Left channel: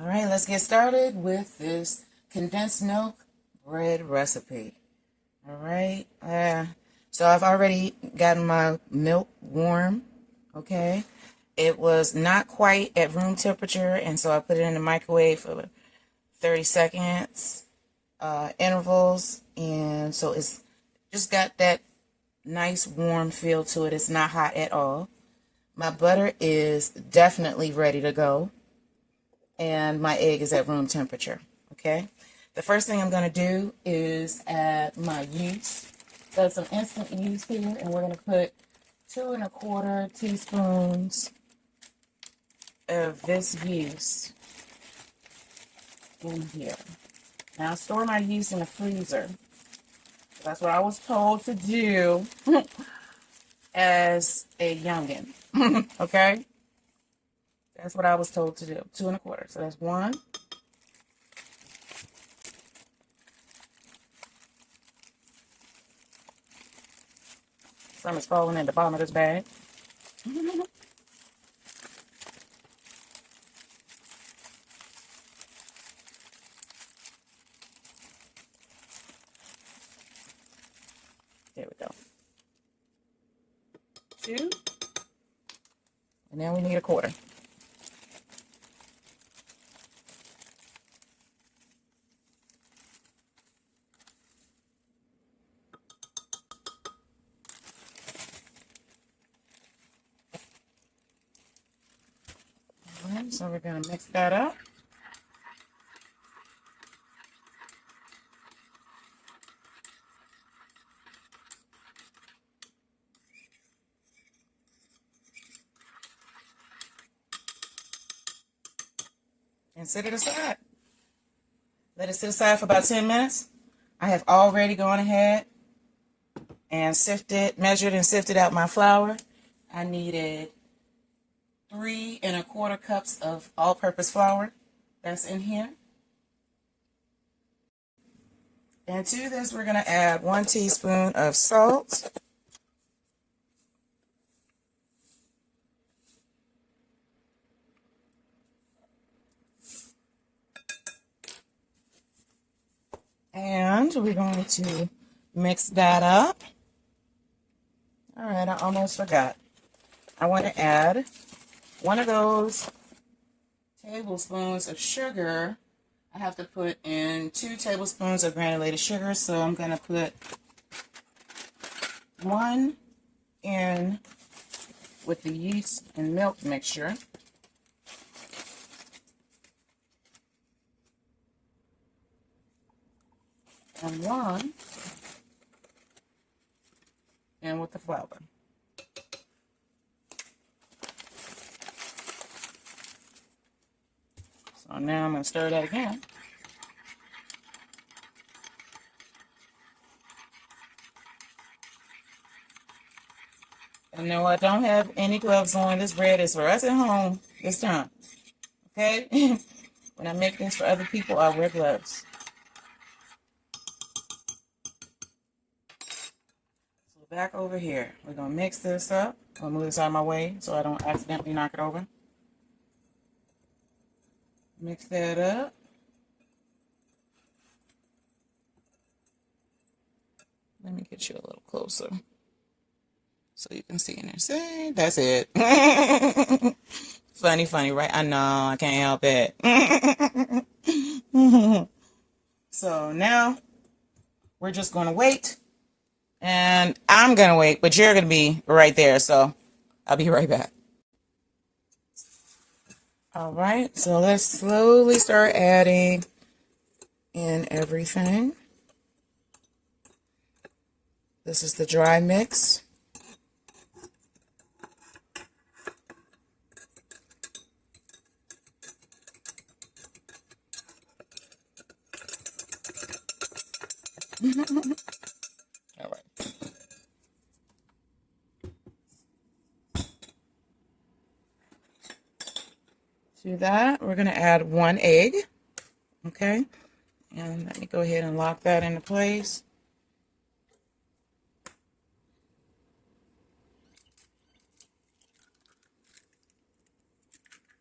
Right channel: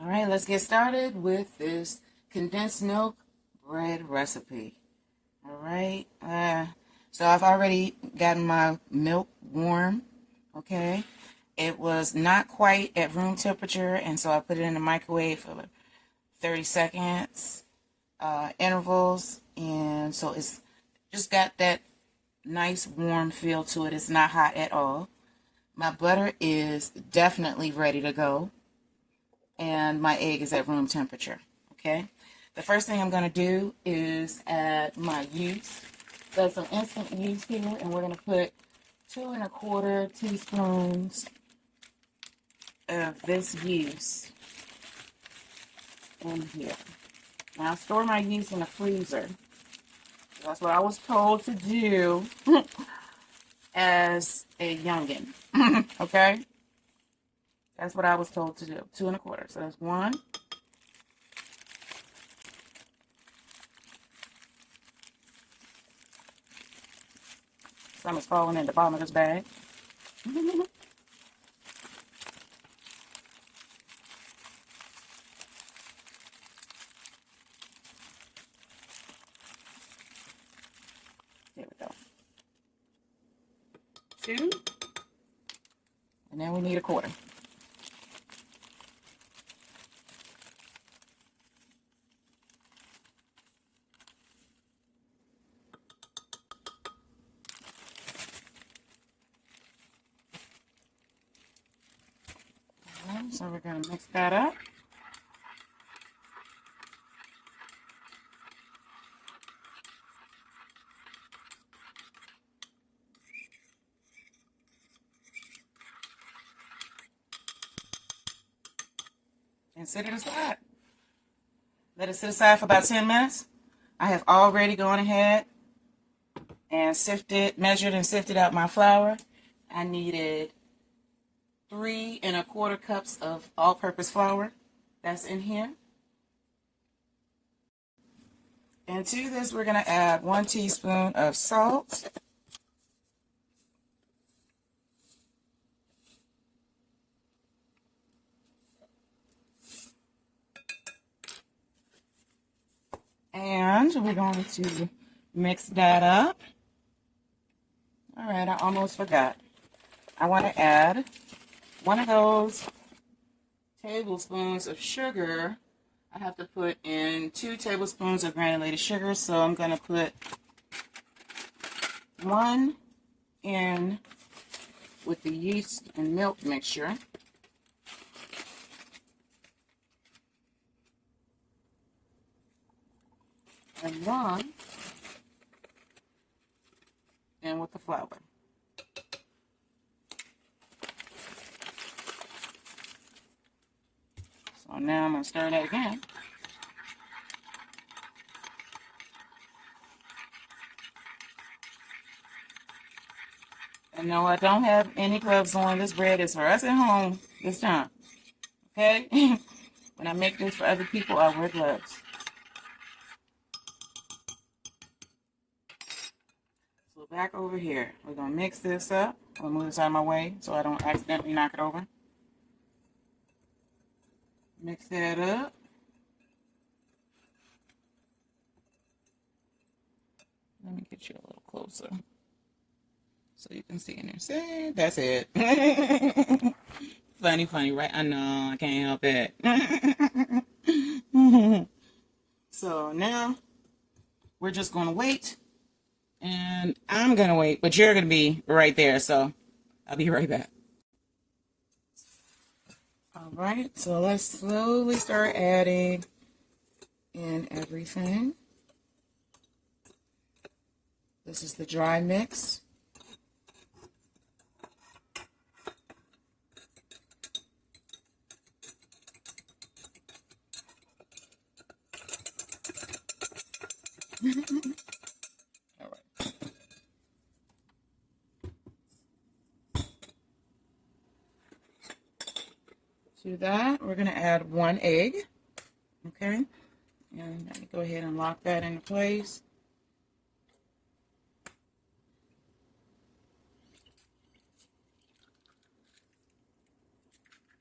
All right, let's get started with this condensed milk bread recipe. All right, so I've already gotten my milk warm, okay? It was not quite at room temperature, and so I put it in the microwave for 30 seconds, intervals, and so it's just got that nice warm feel to it. It's not hot at all. My butter is definitely ready to go, and my egg is at room temperature, okay? The first thing I'm going to do is add my yeast. So some instant yeast here, and we're going to put 2¼ teaspoons of this yeast in here. Now I store my yeast in the freezer. That's what I was told to do as a youngin', okay? That's what I was told to do, 2¼ So that's one. Some is falling in the bottom of this bag. There we go. 2. And then we need 1/4. So we're going to mix that up. And set it aside. Let it sit aside for about 10 minutes. I have already gone ahead and measured and sifted out my flour. I needed 3¼ cups of all-purpose flour. That's in here. And to this, we're going to add 1 teaspoon of salt. And we're going to mix that up. All right, I almost forgot. I want to add 1 of those tablespoons of sugar. I have to put in 2 tablespoons of granulated sugar, so I'm going to put 1 in with the yeast and milk mixture. And 1 in with the flour. So now I'm going to stir that again. And no, I don't have any gloves on. This bread is for us at home this time. Okay? When I make this for other people, I wear gloves. So back over here, we're going to mix this up. I'm going to move this out of my way so I don't accidentally knock it over. Mix that up. Let me get you a little closer so you can see in there. See, that's it. Funny, right? I know, I can't help it. So now we're just going to wait. And I'm going to wait, but you're going to be right there. So I'll be right back. All right, so let's slowly start adding in everything. This is the dry mix. All right. To that, we're going to add 1 egg. Okay. And let me go ahead and lock that into place.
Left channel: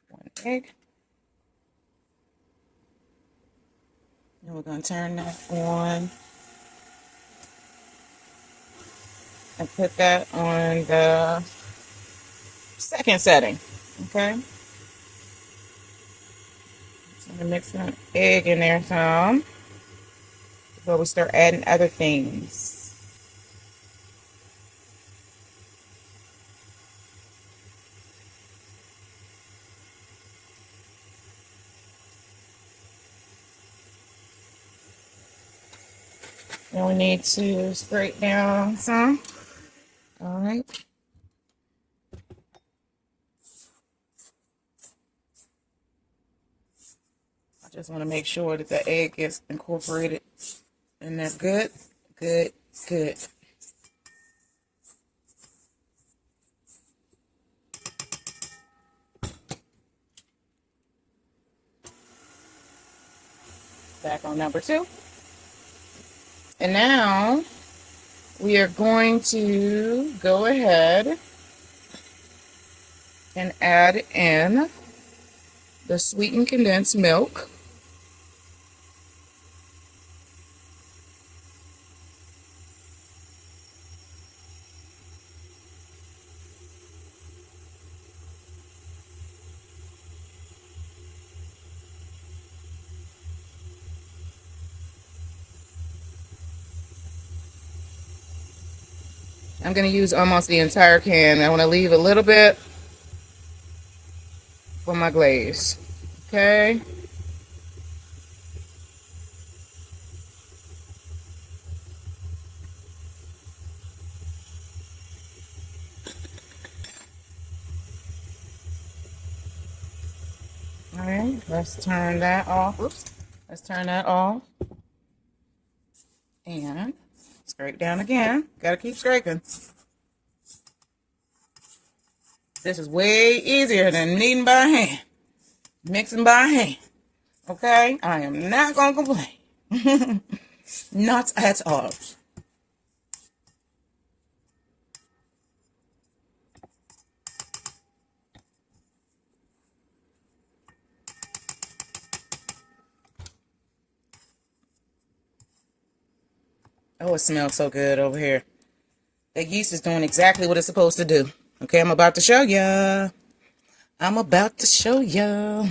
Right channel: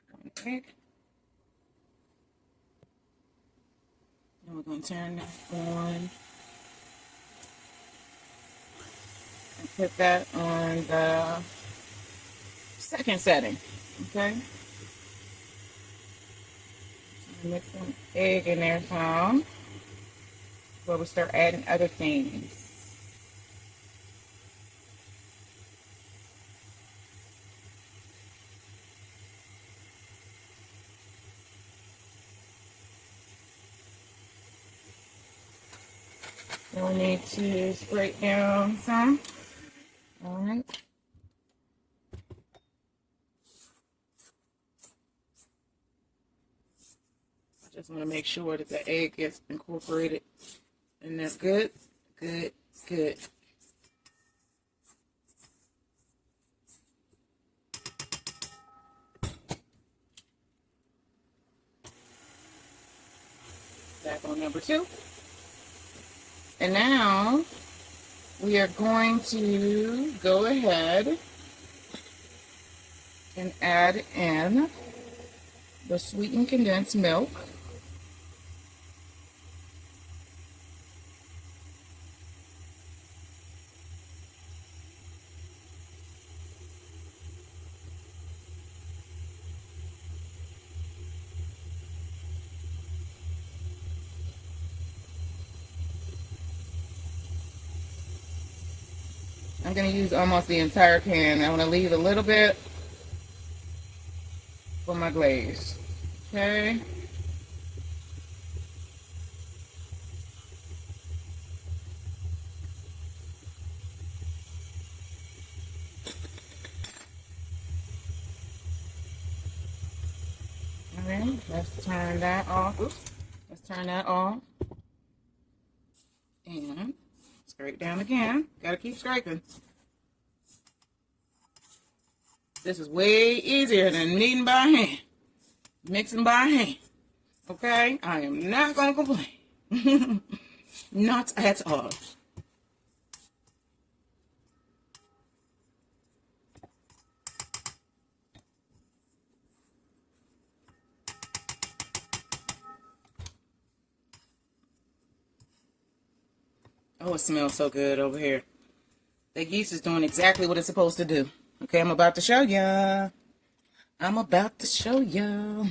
1 egg. And we're going to turn that on and put that on the second setting. Okay. So I'm going to mix some egg in there some before we start adding other things. We'll need to scrape down some. All right. I just want to make sure that the egg gets incorporated. And that's good, good, good. Back on number 2. And now we are going to go ahead and add in the sweetened condensed milk. I'm going to use almost the entire can. I want to leave a little bit for my glaze. Okay. All right, let's turn that off. Oops. Let's turn that off. And scrape down again. Gotta keep scraping. This is way easier than kneading by hand, mixing by hand. Okay? I am not gonna complain. Not at all. Oh, it smells so good over here. The yeast is doing exactly what it's supposed to do. Okay, I'm about to show ya. I'm about to show ya.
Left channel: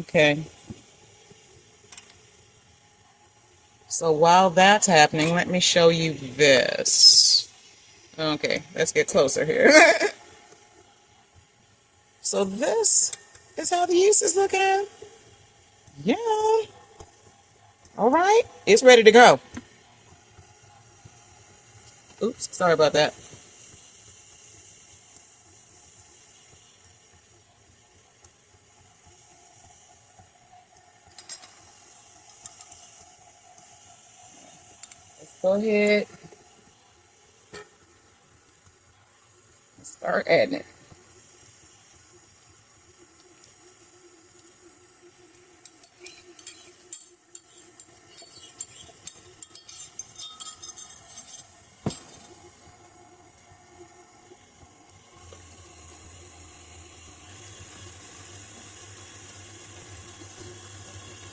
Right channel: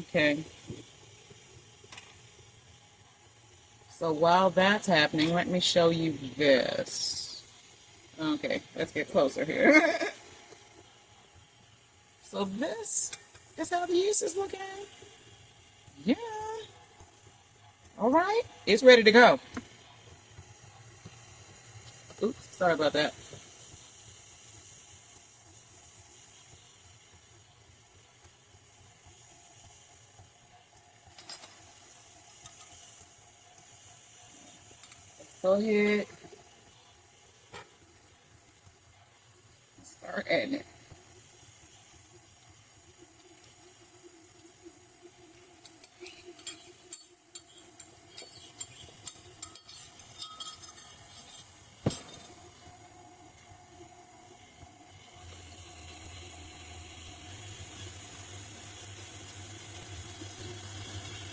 Okay. So while that's happening, let me show you this. Okay, let's get closer here. So this is how the yeast is looking. Yeah. All right. It's ready to go. Oops. Sorry about that. Let's go ahead and start adding it.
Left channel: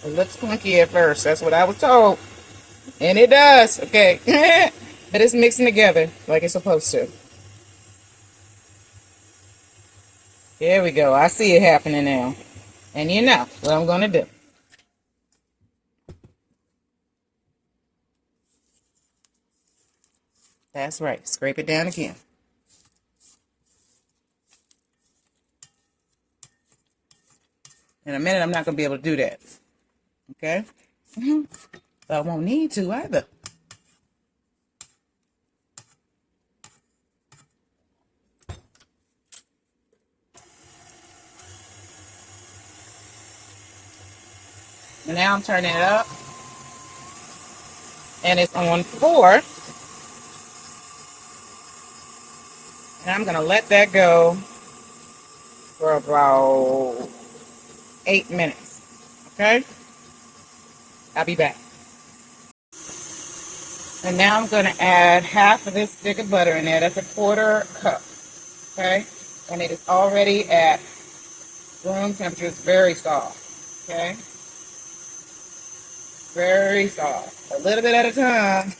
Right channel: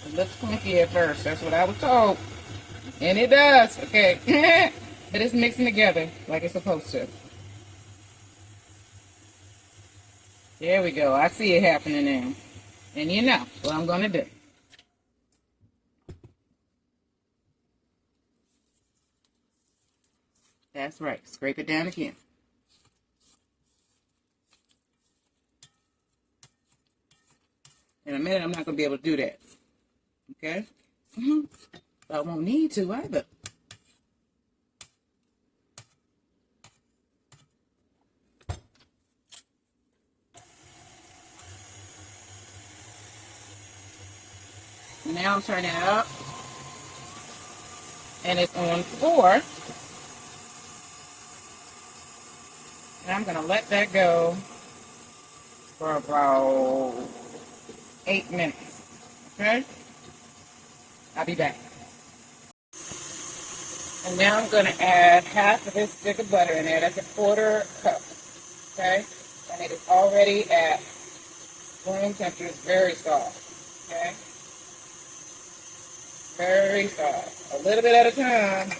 It looks clunky at first. That's what I was told. And it does. Okay. But it's mixing together like it's supposed to. There we go. I see it happening now. And you know what I'm going to do. That's right. Scrape it down again. In a minute, I'm not going to be able to do that. Okay? But I won't need to either. And now I'm turning it up. And it's on 4. And I'm going to let that go for about 8 minutes. Okay? I'll be back. And now I'm going to add half of this stick of butter in there. That's a quarter cup. Okay? And it is already at room temperature. It's very soft. Okay? Very soft. A little bit at a time.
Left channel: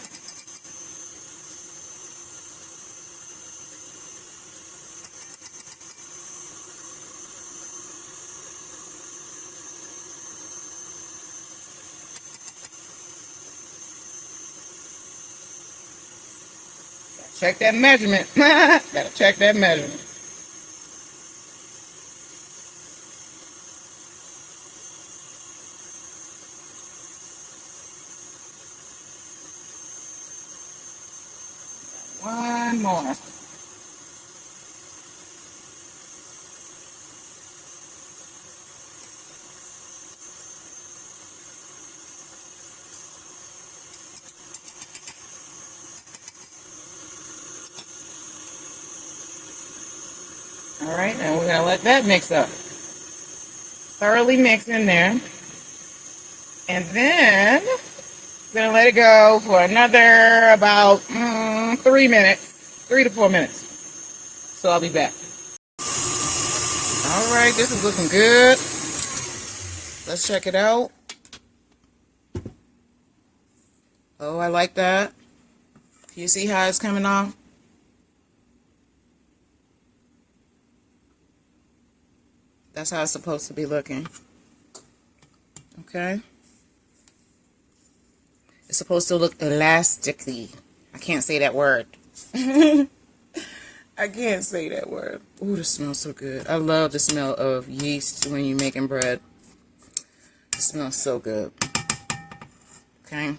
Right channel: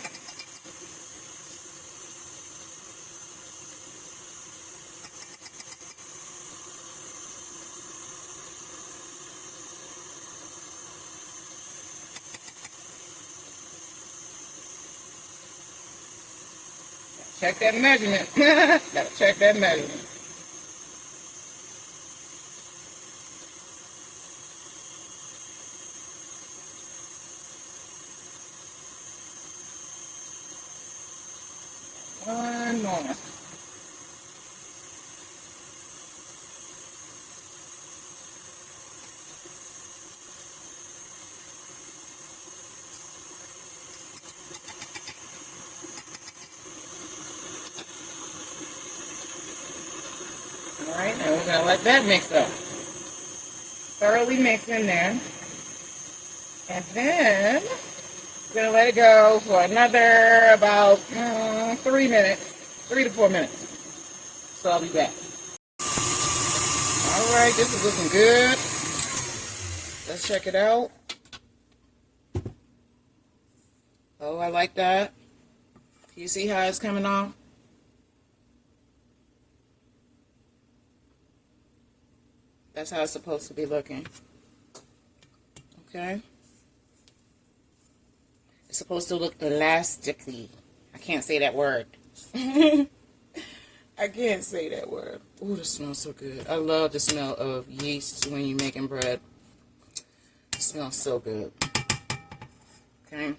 Check that measurement. Gotta check that measurement. One more. Alright, now we're going to let that mix up. Thoroughly mix in there. And then we're going to let it go for another about 3 minutes. 3 to 4 minutes. So I'll be back. Alright, this is looking good. Let's check it out. Oh, I like that. Do you see how it's coming off? That's how it's supposed to be looking. Okay? It's supposed to look elasticy. I can't say that word. I can't say that word. Ooh, it smells so good. I love the smell of yeast when you're making bread. It smells so good. Okay?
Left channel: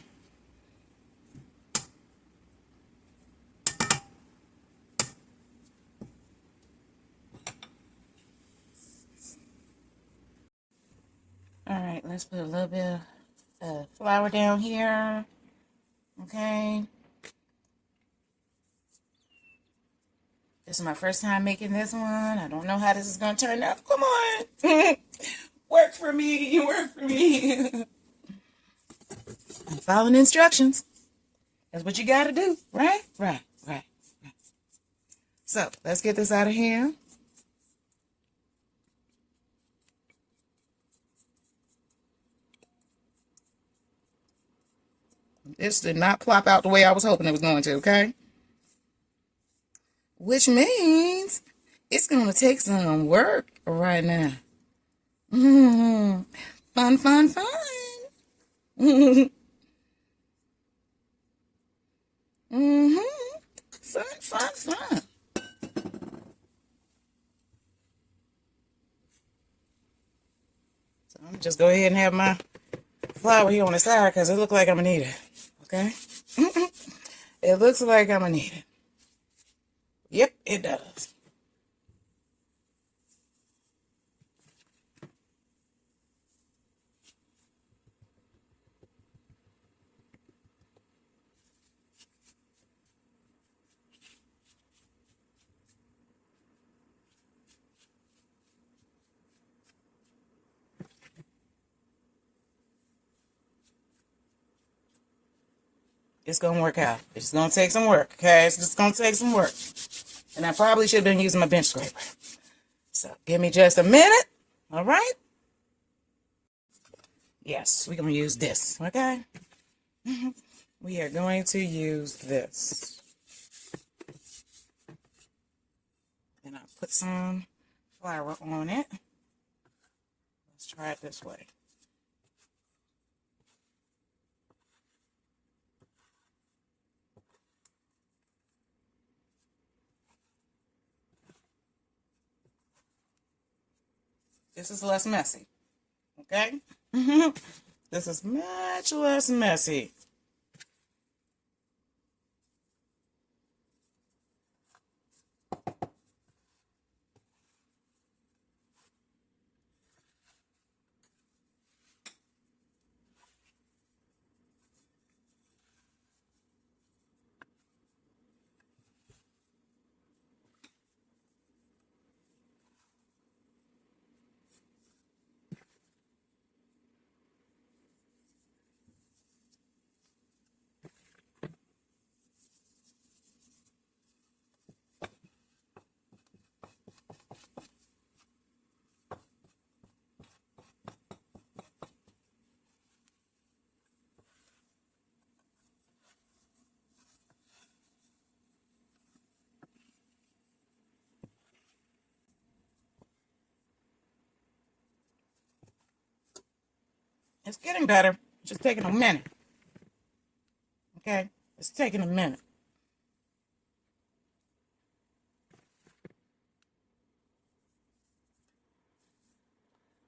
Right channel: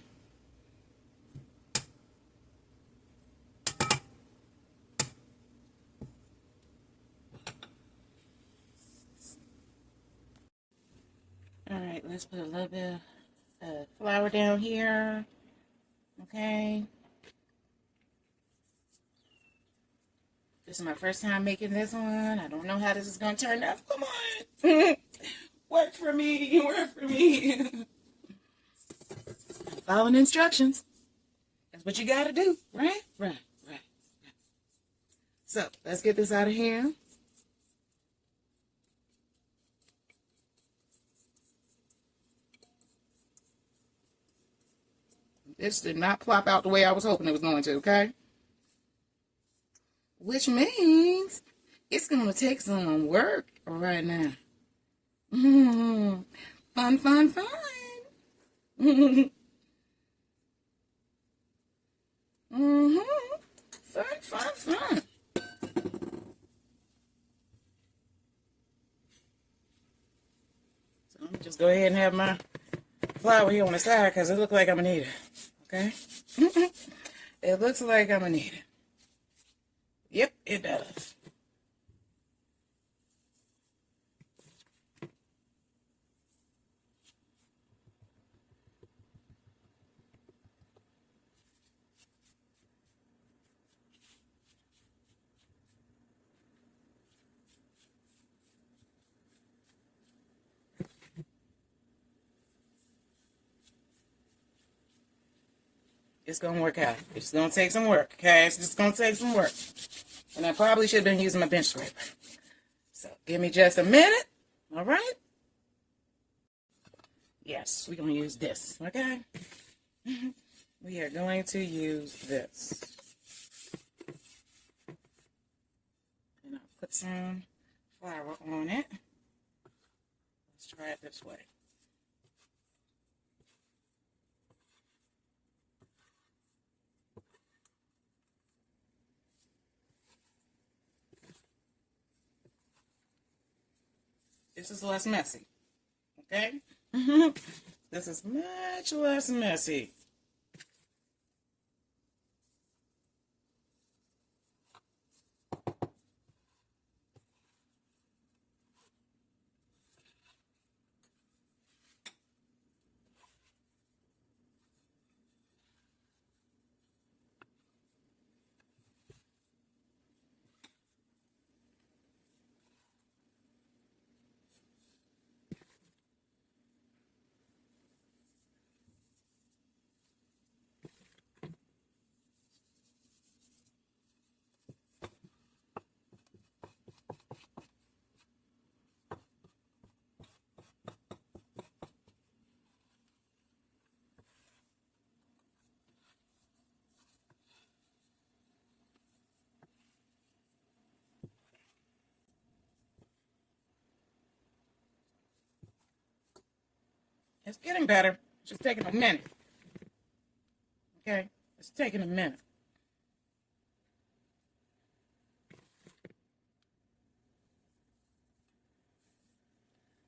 Alright, let's put a little bit of flour down here. Okay? This is my first time making this one. I don't know how this is going to turn out. Come on. Work for me. Work for me. I'm following instructions. That's what you got to do. Right? Right. So, let's get this out of here. This did not plop out the way I was hoping it was going to, okay? Which means it's going to take some work right now. Fun, fun, fun. Fun, fun, fun. So I'm going to just go ahead and have my flour here on the side because it looks like I'm going to need it. Okay? It looks like I'm going to need it. Yep, it does. It's going to work out. It's going to take some work, okay? It's just going to take some work. And I probably should have been using my bench scraper. So, give me just a minute. All right? Yes, we're going to use this, okay? We are going to use this. And I'll put some flour on it. Let's try it this way. This is less messy, okay? This is much less messy. It's getting better. It's just taking a minute. Okay? It's taking a minute.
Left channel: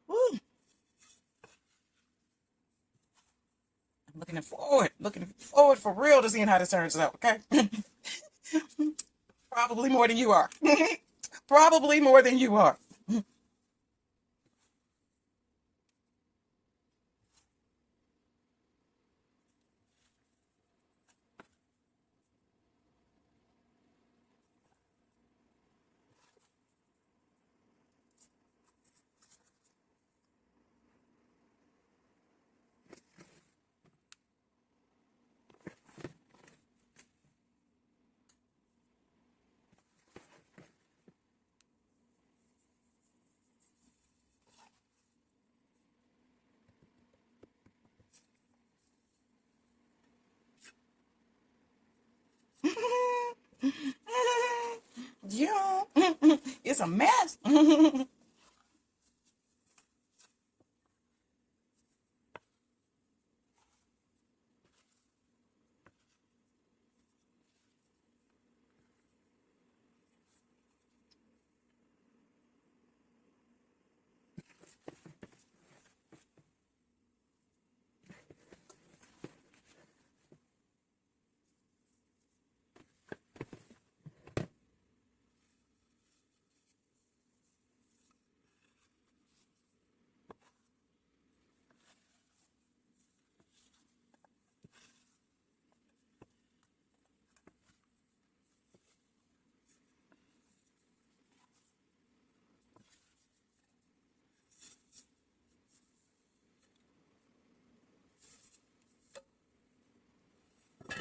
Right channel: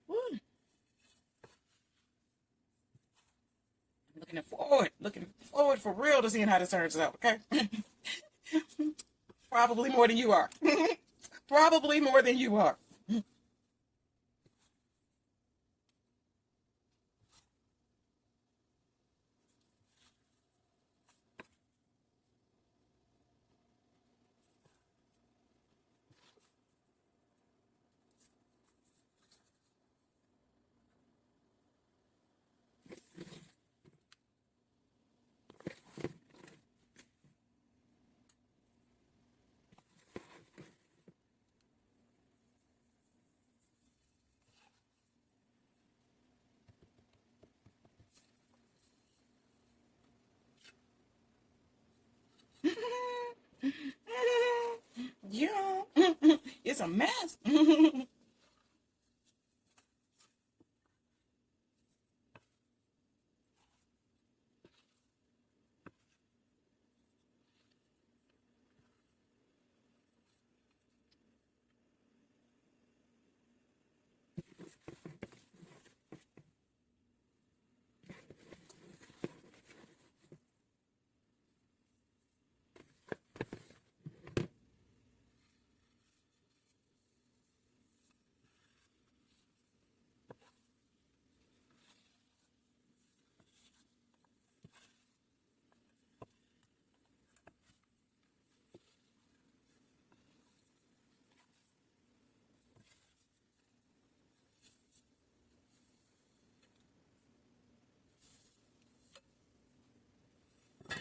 Woo. I'm looking forward for real to seeing how this turns out, okay? Probably more than you are. Probably more than you are. Yeah, it's a mess.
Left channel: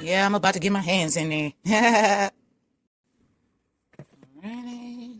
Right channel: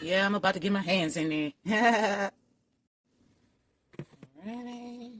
Yeah, I'm about to get my hands in there. Alrighty.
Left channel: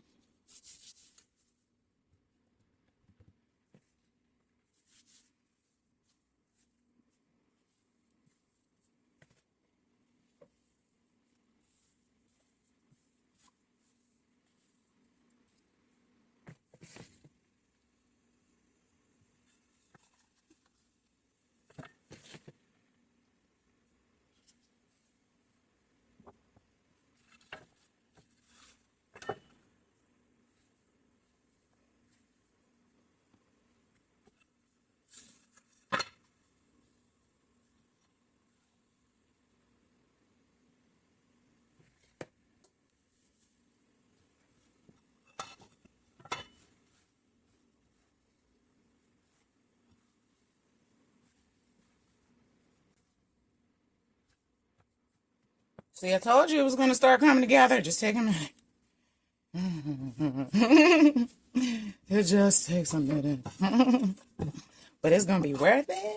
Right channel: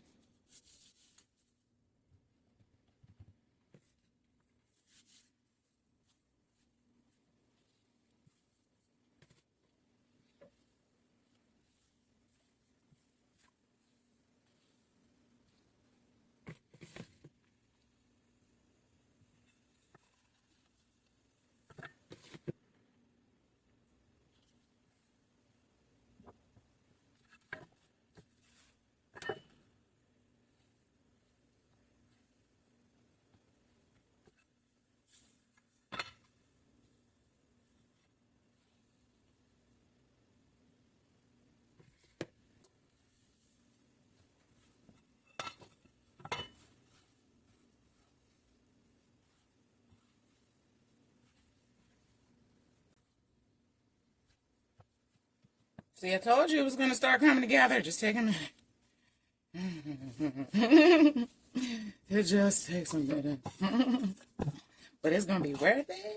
See, I told you it was going to start coming together. Just take a minute. It just takes a minute. But it's going to be worth it.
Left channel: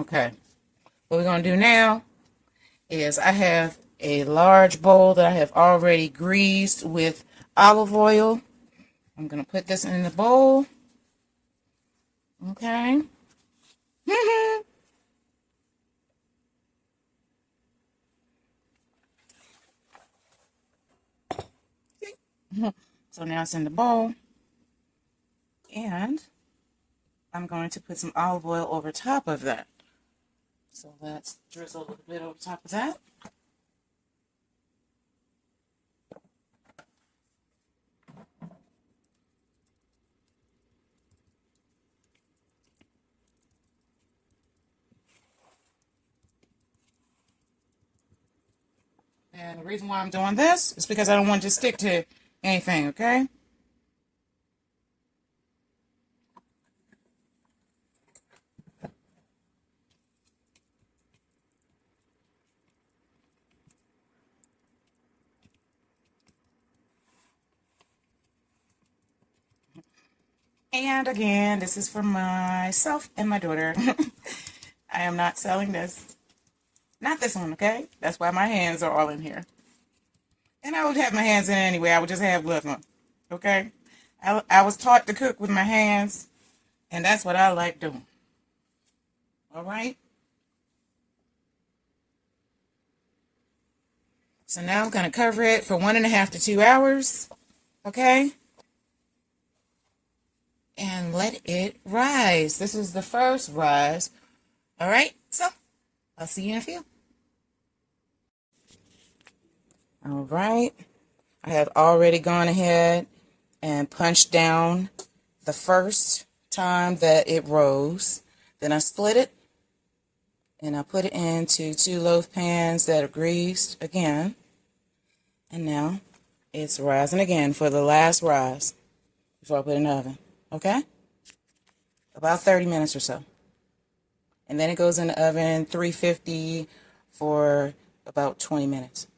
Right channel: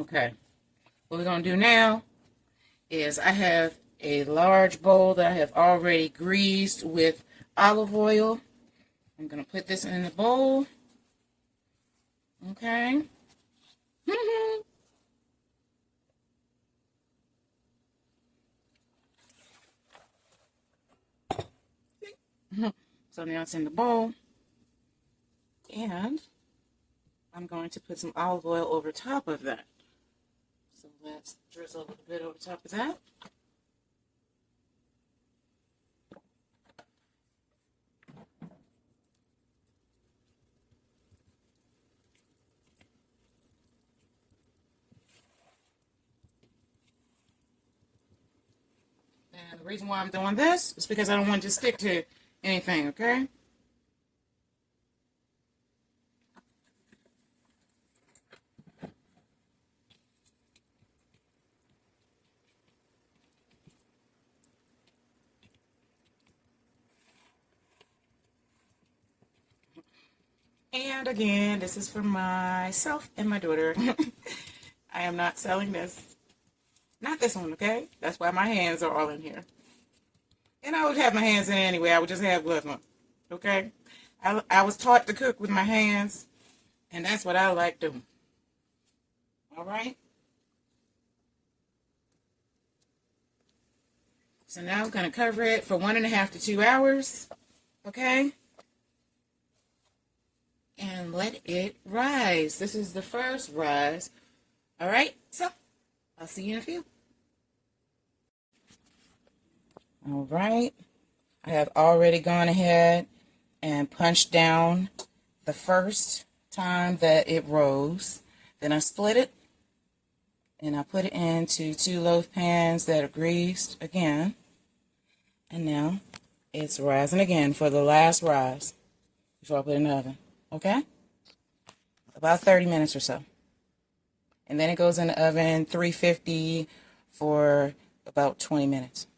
Okay. What we're going to do now is I have a large bowl that I have already greased with olive oil. I'm going to put this in the bowl. Okay. So now it's in the bowl. And I'm going to put some olive oil over top of that. So let's drizzle a little bit over top of that. And the reason why I'm doing this is because I don't want to just stick to anything, okay? And again, this is for myself and my daughter. I am not selling this. Not this one, okay? That's why my hands are all in here. And I would have my hands in it anyway. I would just have gloves on, okay? I was taught to cook with my hands, and that's what I like doing. All right? So now I'm going to cover it for 1.5 to 2 hours, okay? And let it rise. This is the first rise. All right, so I'll see you in a few. All right, I have already gone ahead and punched down the first time that it rose. Then I split it and I put it into 2 loaf pans that are greased again. And now it's rising again for the last rise before I put it in the oven. Okay? About 30 minutes or so. And then it goes in the oven, 350 for about 20 minutes.